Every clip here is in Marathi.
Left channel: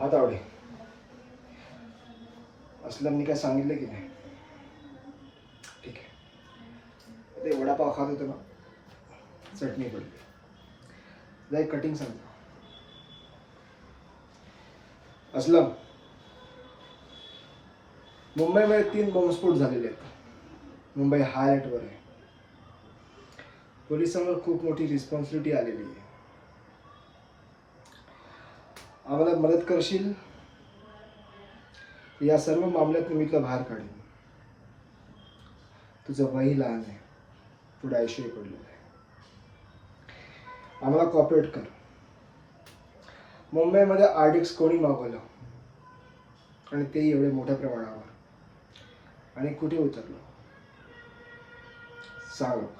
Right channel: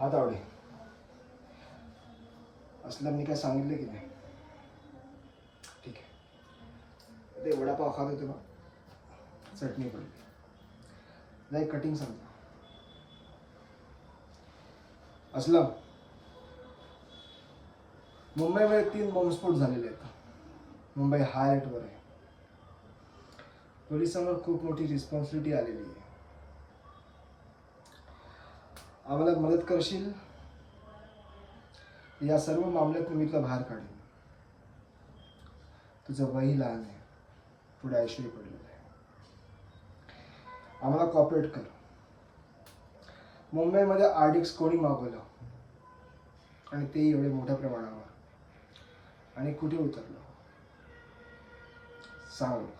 आता आवडे असलमनी काय सांगितलं की नाही? ठीक आहे. ते वडापाव खात होते ना, चटणी पडली. जाई कटिंग सांगतो. असलम, मुंबईमध्ये 3 बॉम्बस्फोट झालेले आहेत. मुंबई हाय अलर्टवर आहे. पोलिसांवर खूप मोठी रिस्पॉन्सिबिलिटी आलेली आहे. आम्हाला मदत करशील? या सर्व मामल्यात मी तुला बाहेर काढीन. तुझं वही लहान आहे, पुढे आयुष्य पडलेलं आहे. आम्हाला कॉपरेट कर. मुंबईमध्ये आरडीएक्स कोणी मागवलं आणि तेही एवढे मोठ्या प्रमाणावर, आणि कुठे उतरलं सांग लवकर.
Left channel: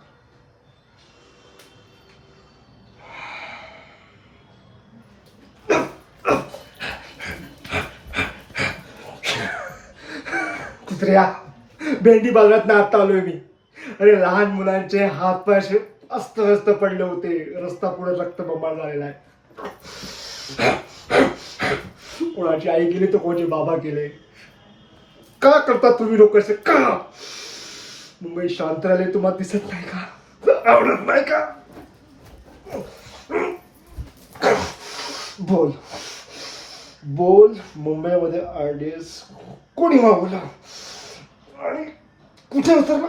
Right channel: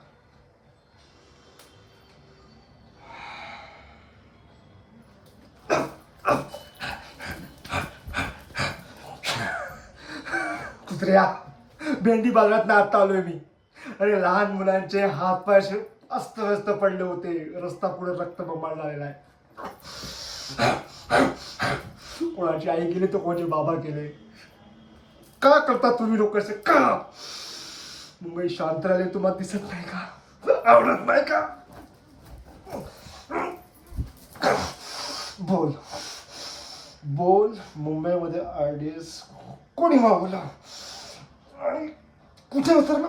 कुत्र्या, भेंडी बाजारात ना आता आलोय मी. अरे लहान मुलांचे हात पाय असे अस्तव्यस्त पडले होते. रस्ता पुढे रक्तबंबाळ झालेला आहे. कोणाची आई गेली तर कोणाचे बाबा गेले. का करता तुम्ही लोक असे? का मुंबई शांत राहिले तुम्हाला दिसत नाही का? आवडत नाही का? बोल बोल, मुंबईमध्ये आरडीएक्स कोणी मागवला आणि कुठे उतरला?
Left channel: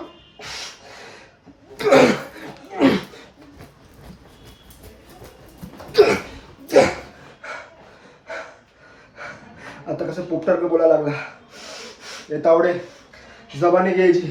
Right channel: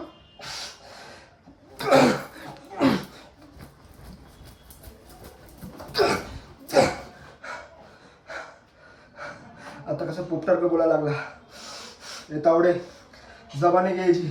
आता कसं पोपटार का बोलायला लागला? तावडे, जबानी घ्यायची.